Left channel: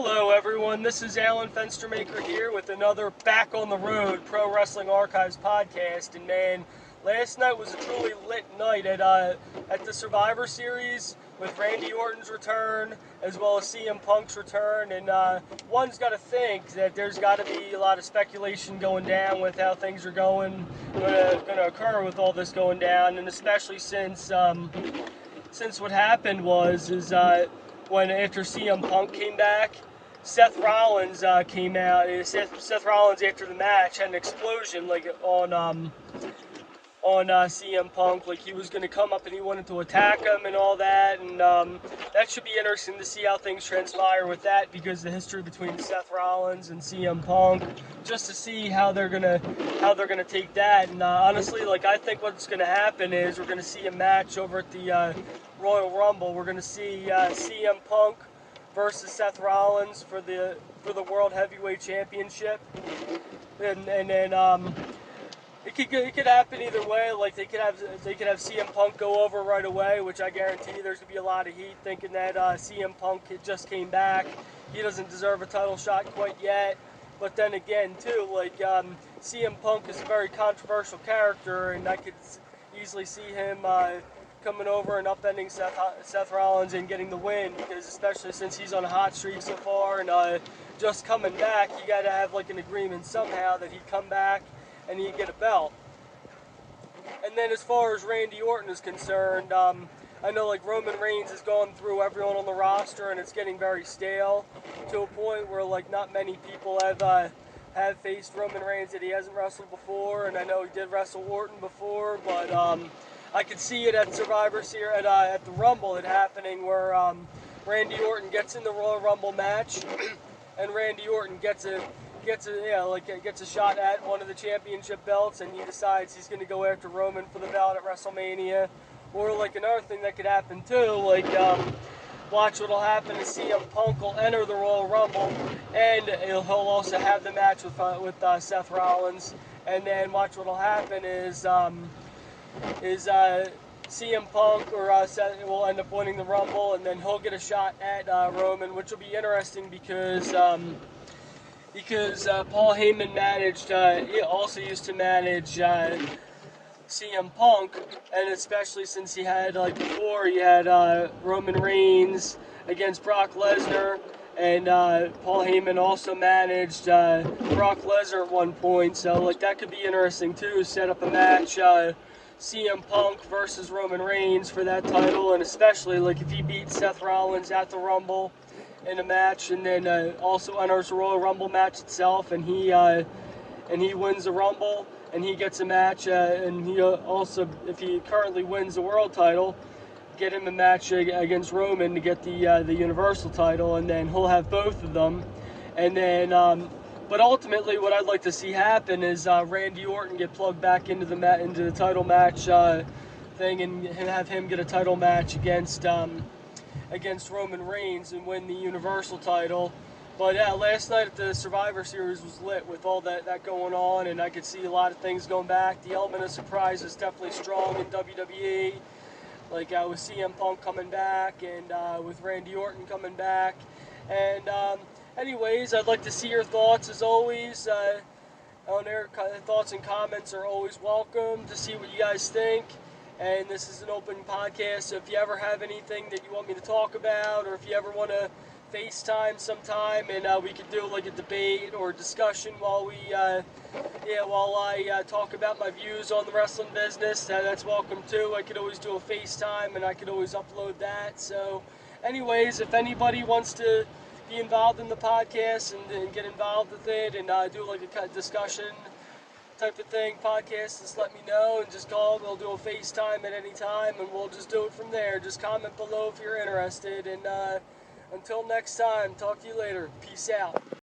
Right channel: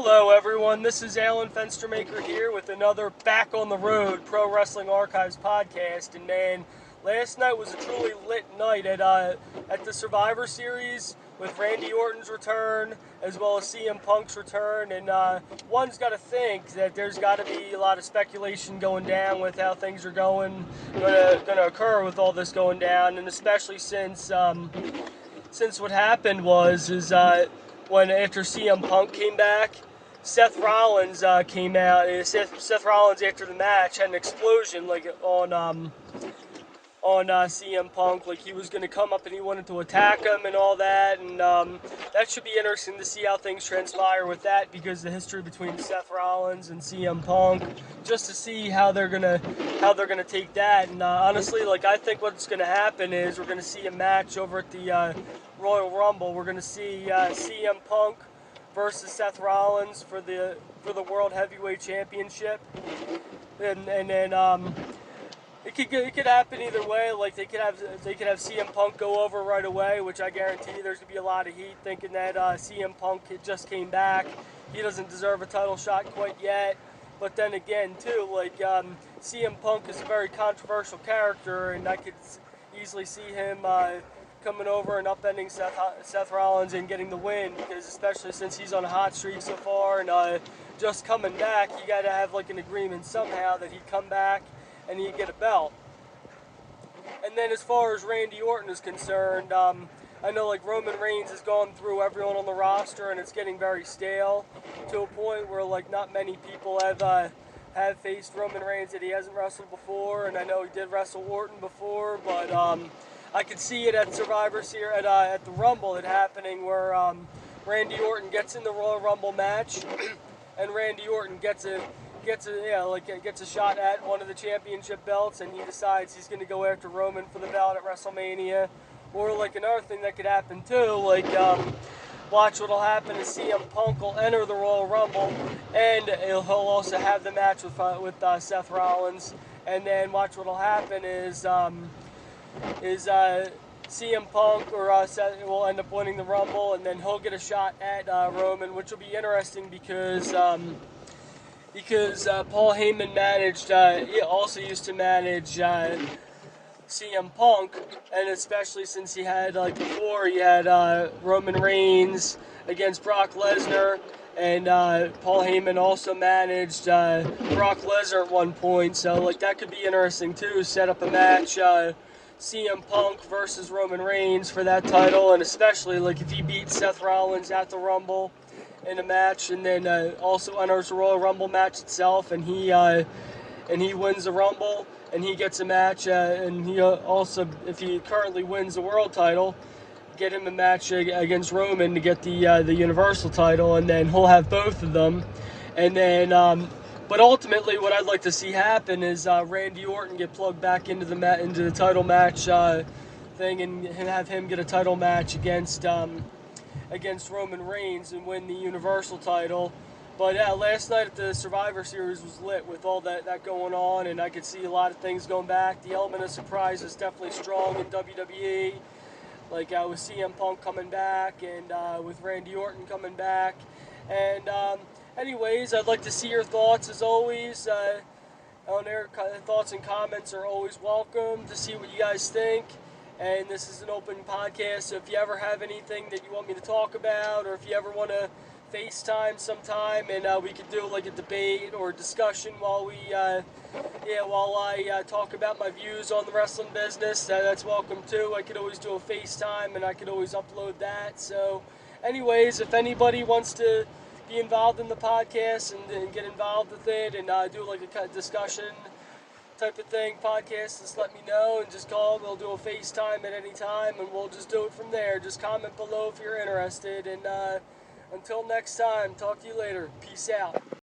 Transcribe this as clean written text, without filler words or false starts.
Hello everyone, this is Alan Fenstermaker here with another Back on the Road Pro Wrestling Archives podcast. And man, last night was a truly lit night at the Survivor Series with Randy Orton's return as well as CM Punk's return. And one's got to think that there's got to be a lot of speculation going down with how things are going to occur with all this going down, and especially since what happened was when after CM Punk came back, Seth Rollins came out. Seth Rollins after the match had an explosion on CM Punk, like he was going to come up and he wanted to attack him and all that, and that should be interesting to see how things transpire with that, because the history between Seth Rollins and CM Punk, just to see how they're gonna take that. And honestly, I think what's going to happen is we're going to see a match over at the Royal Rumble. We're going to see CM Punk versus Seth Rollins for the World Heavyweight Championship, and then it could happen either way. Like they could have CM Punk go over right away, which I guarantee there's gonna be a lot of heat thinking that CM Punk just came back. He doesn't deserve a title shot quite yet. But then again, too, CM Punk is a very controversial character, and I could easily see him coming over and upending Seth Rollins and getting the win, because especially since he's on a hot streak so far and just coming back, you got to have an agreement somehow that he'd come back and he'd get a belt. And then as far as Randy Orton is concerned, I know Roman Reigns has gone through everyone on the roster and it's getting very stale to a point where not many people have faced Roman Reigns that he hasn't wrestled before, and I know he did wrestle Orton before, but I could see it at Survivor Series, at the Rumble, it happening where Randy Orton gets in the Royal Rumble match, and Randy Orton gets a shot at one of the championship belts, and he decides he's going to go after Roman for the belt at WrestleMania. Or another thing that could happen too, watch what'll happen is CM Punk will enter the Royal Rumble, and he'll also have the match with Seth Rollins, and then watch what'll happen is CM Punk or Seth will end up winning the Rumble, and then he'll get a shot at Roman, which will be interesting because Paul Heyman he also used to manage CM Punk, and especially since he had before he had Roman Reigns against Brock Lesnar, and Paul Heyman also managed Brock Lesnar at one point, so that could be interesting too. Set up a match, CM Punk versus Roman Reigns for that title, and especially if he beats Seth Rollins at the Rumble in a match, and then also enters the Royal Rumble match itself, and he wins the Rumble, and he gets a match, and he also, if he currently wins the world title, get him a match against Roman to get the Universal title, and then he'll have both of them, and then but ultimately what I'd like to see happen is Randy Orton get plugged back into the title match thing, and have him get a title match against Roman Reigns and win the Universal title. But last night at the Survivor Series was lit with all that going on, and I could see a lot of things going back. The element of surprise is definitely strong in WWE, with CM Punk coming back and with Randy Orton coming back. And anyways, I'd like to see your thoughts as always. On there, thoughts and comments are always welcome to see what you guys think. And this is an open podcast, so if you ever have anything that you want me to talk about, or if you ever want to FaceTime sometime and we could do a debate or discussion while I talk about my views on the wrestling business, that's welcome too. I could always do a FaceTime and I could always upload that. So anyways, if anybody wants to be involved in the podcast and get involved with it and do a discussion type of thing podcast, just let me know and just call. We'll do a FaceTime at any time and we'll just do it from there. Just comment below if you're interested, and until next time, talk to you later. Peace out.